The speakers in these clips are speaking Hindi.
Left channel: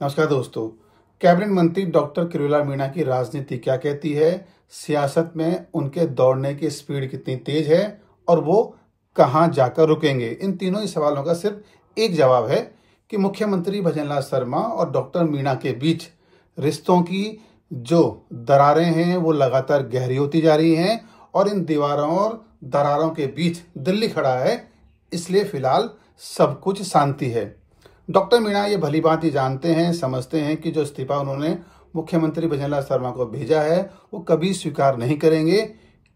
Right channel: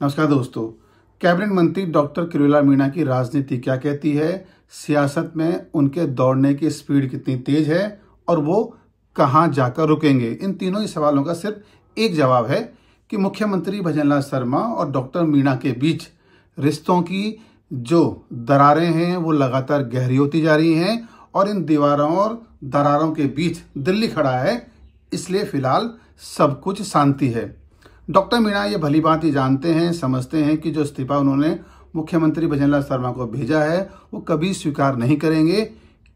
नमस्कार दोस्तों। कैबिनेट मंत्री डॉक्टर किरोड़ीलाल मीणा की राजनीति क्या कहती है, सियासत में उनके दौड़ने की स्पीड कितनी तेज है और वो कहां जाकर रुकेंगे। इन तीनों ही सवालों का सिर्फ एक जवाब है कि मुख्यमंत्री भजनलाल शर्मा और डॉक्टर मीणा के बीच रिश्तों की जो दरारें हैं वो लगातार गहरी होती जा रही हैं और इन दीवारों और दरारों के बीच दिल्ली खड़ा है, इसलिए फिलहाल सब कुछ शांति है। डॉक्टर मीणा ये भली बात ही जानते हैं, समझते हैं कि जो इस्तीफा उन्होंने मुख्यमंत्री भजनलाल शर्मा को भेजा है वो कभी स्वीकार नहीं करेंगे,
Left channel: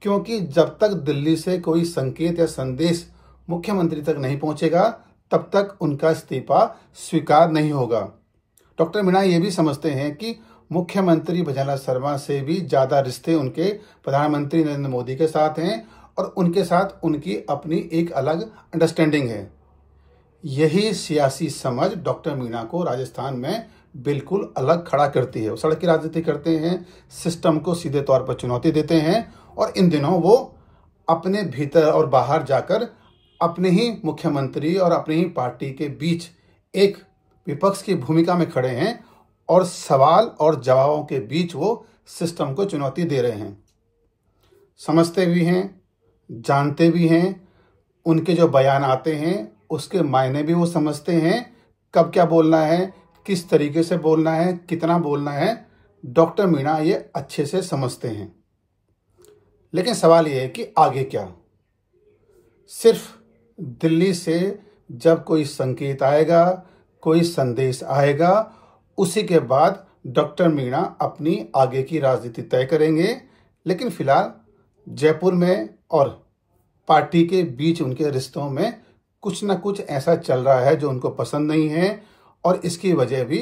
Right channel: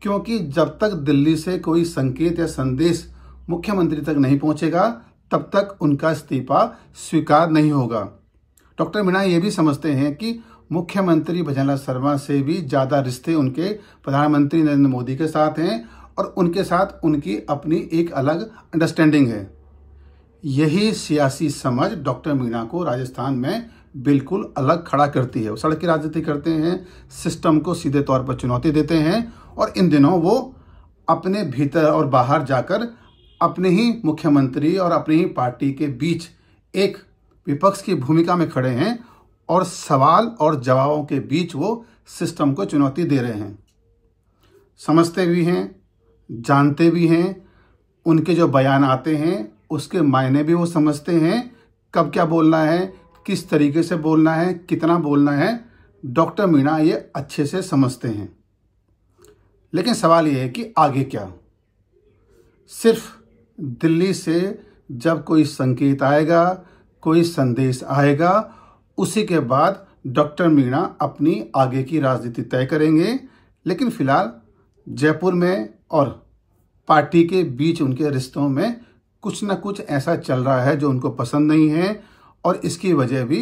क्योंकि जब तक दिल्ली से कोई संकेत या संदेश मुख्यमंत्री तक नहीं पहुंचेगा तब तक उनका इस्तीफा स्वीकार नहीं होगा। डॉक्टर मीणा ये भी समझते हैं कि मुख्यमंत्री भजनलाल शर्मा से भी ज्यादा रिश्ते उनके प्रधानमंत्री नरेंद्र मोदी के साथ हैं और उनके साथ उनकी अपनी एक अलग अंडरस्टैंडिंग है। यही सियासी समझ डॉक्टर मीणा को राजस्थान में बिल्कुल अलग खड़ा करती है। वो सड़क की राजनीति करते हैं, सिस्टम को सीधे तौर पर चुनौती देते हैं और इन दिनों वो अपने भीतर और बाहर जाकर अपने ही मुख्यमंत्री और अपनी ही पार्टी के बीच एक विपक्ष की भूमिका में खड़े हैं और सवाल और जवाबों के बीच वो सिस्टम को चुनौती दे रहे हैं। समझते भी हैं, जानते भी हैं, उनके जो बयान आते हैं उसके मायने भी वो समझते हैं, कब क्या बोलना है, किस तरीके से बोलना है, कितना बोलना है, डॉक्टर मीणा ये अच्छे से समझते हैं। लेकिन सवाल ये है कि आगे क्या। सिर्फ दिल्ली से जब कोई संकेत आएगा, कोई संदेश आएगा, उसी के बाद डॉक्टर मीणा अपनी आगे की राजनीति तय करेंगे। लेकिन फिलहाल जयपुर में और पार्टी के बीच उनके रिश्तों में कुछ न कुछ ऐसा चल रहा है जो उनको पसंद नहीं है और इसकी वजह भी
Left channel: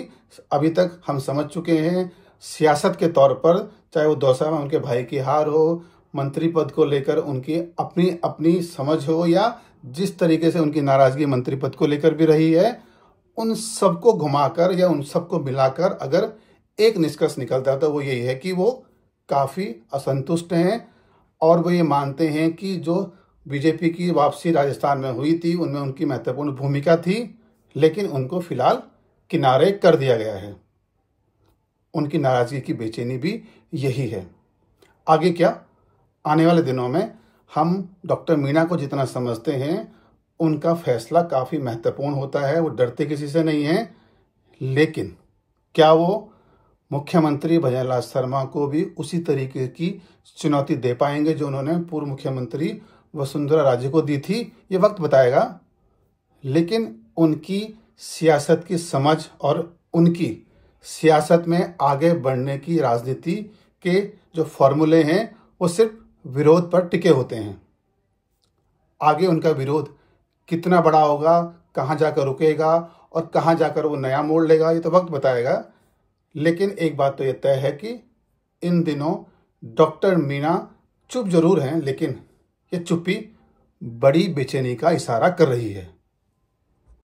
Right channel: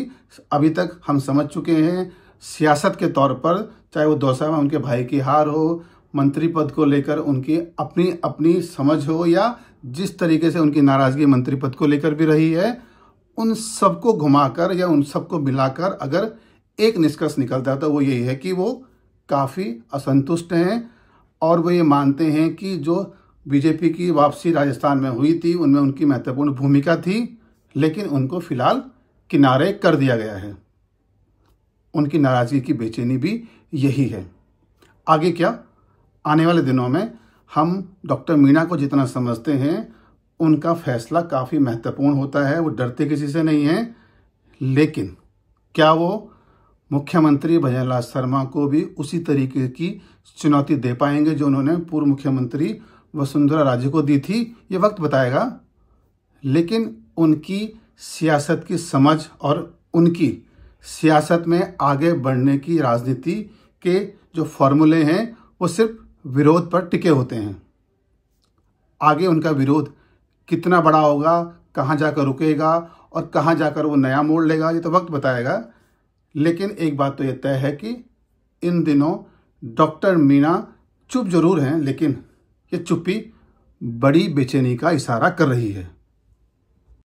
अभी तक हम समझ चुके हैं। सियासत के तौर पर चाहे वो दौसा में उनके भाई की हार हो, मंत्री पद को लेकर उनकी अपनी अपनी समझ हो या जिस तरीके से उनकी नाराजगी मंत्री पद को लेकर भी रही है, उन सबको घुमाकर या उन सबको मिलाकर अगर एक निष्कर्ष निकलता है तो वो यही है कि वो काफी असंतुष्ट हैं और वो ये मानते हैं कि जो बीजेपी की वापसी राजस्थान में हुई थी उनमें उनकी महत्वपूर्ण भूमिका थी, लेकिन उनको फिलहाल किनारे कर दिया गया है। उनकी नाराजगी की बेचैनी भी यही है। आगे क्या, आने वाले दिनों में हम डॉक्टर मीणा को जितना समझते हैं उनका फैसला काफी महत्वपूर्ण होता है, वो डरते किसी से नहीं है। लेकिन क्या वो मुख्यमंत्री भजनलाल शर्मा को भी उसी तरीके की चुनौती दे पाएंगे जो उन्होंने पूर्व मुख्यमंत्री वसुंधरा राजे को दी थी, ये वक्त बताएगा। लेकिन उनकी सियासत की समझ और उनकी सियासत में आगे बढ़ने की राजनीति के जो फॉर्मूले हैं वो सिर्फ विरोध पर टिके होते हैं। आगे उनका विरोध कितना बड़ा होगा, कहां जाकर रुकेगा और कहां जाकर वो नया मोड़ लेगा, ये तो वक्त बताएगा। लेकिन एक बात तो यह तय है कि इन दिनों डॉक्टर मीणा चुप जरूर हैं, लेकिन ये चुप्पी बड़ी बेचैनी का इशारा कर रही है।